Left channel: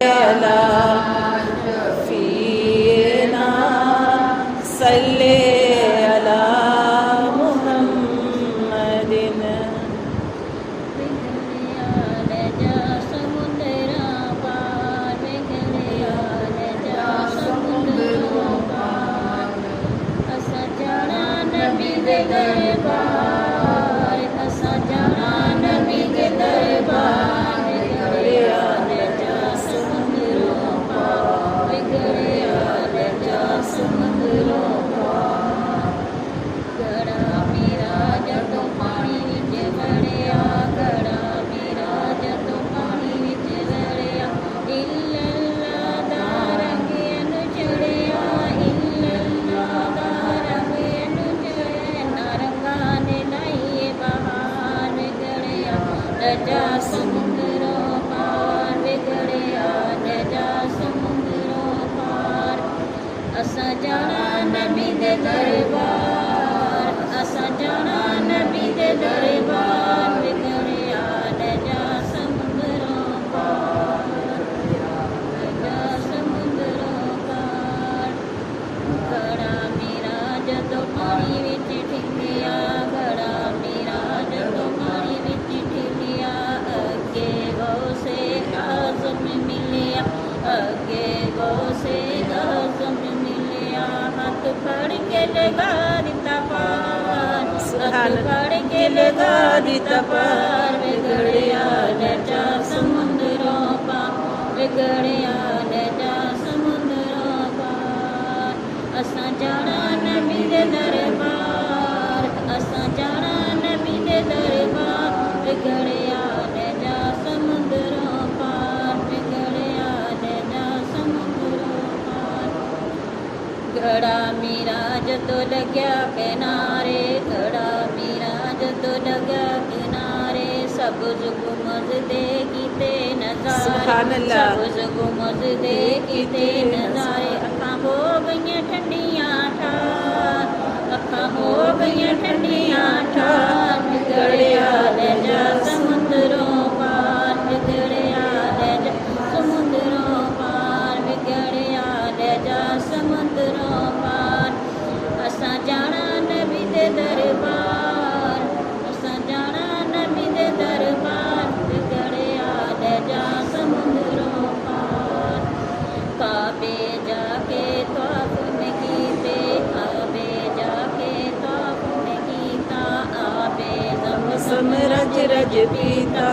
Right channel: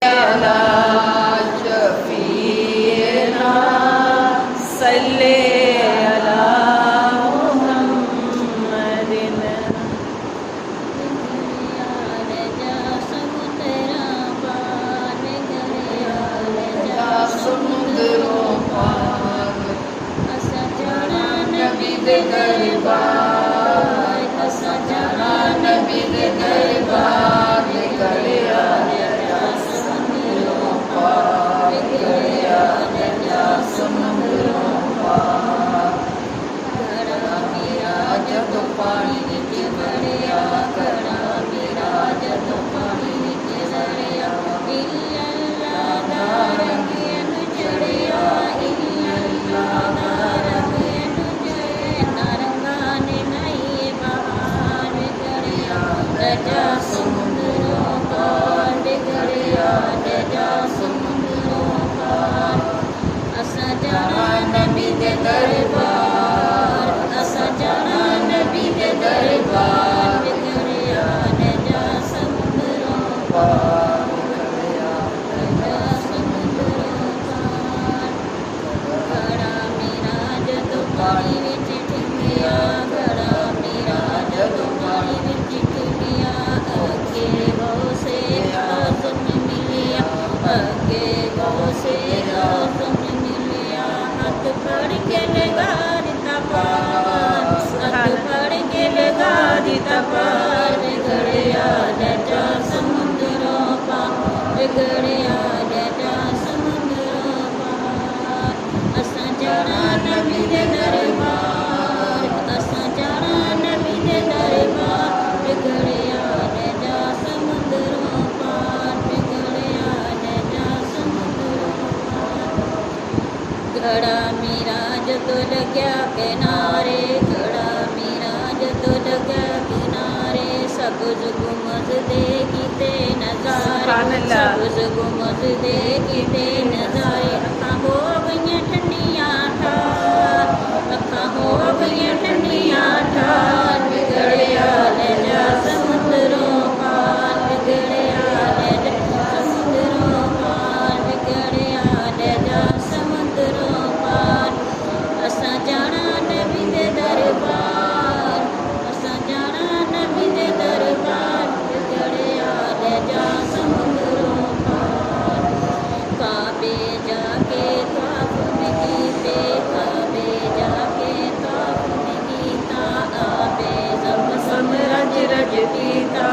अला शफीना सल्ले अला मुहम्मदिन। असां जाना नबी दे दरबार, असां जाना नबी दे दरबार, बिगड़िया ने जा समुंदरों पार, जा समुंदरों पार। घड़ा मेरा जदों पानी विच ठिंगिया, घड़ा मेरा जदों पानी विच ठिंगिया, अगे गौसे आज़म मिलिया, अगे गौसे आज़म मिलिया। हाथ फड़ के लगा दिता पार, हाथ फड़ के लगा दिता पार, बिगड़िया ले जा समुंदरों पार, बिगड़िया ले जा समुंदरों पार। असां जाना नबी दे दरबार, असां जाना नबी दे दरबार, बिगड़िया ले जा समुंदरों पार, बिगड़िया ले जा समुंदरों पार। घड़ा मेरा जदों लग्या किनारे, घड़ा मेरा जदों लग्या किनारे, सबज़ गुंबद दे कीते नज़ारे, सबज़ गुंबद दे कीते नज़ारे। अखां हो गईयां ठंडियां ठार, अखां हो गईयां ठंडियां ठार, बिगड़िया ले जा समुंदरों पार, बिगड़िया ले जा समुंदरों पार, बिगड़िया ले जा समुंदरों पार। असां जाना नबी दे दरबार, असां जाना नबी दे दरबार, बिगड़िया ले जा समुंदरों पार। काबे जाके तवाफ में कीते, काबे जाके तवाफ में कीता, आबे ज़मज़म रज रज पीता,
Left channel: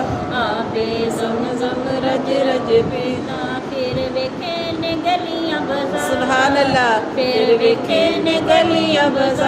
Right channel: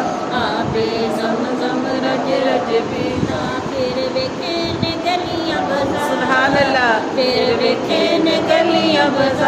आबे ज़मज़म रज रज पीता। फिर वेखे ने गलियां बाज़ार, सुभान अल्लाह। फिर वेखे ने गलियां बाज़ार,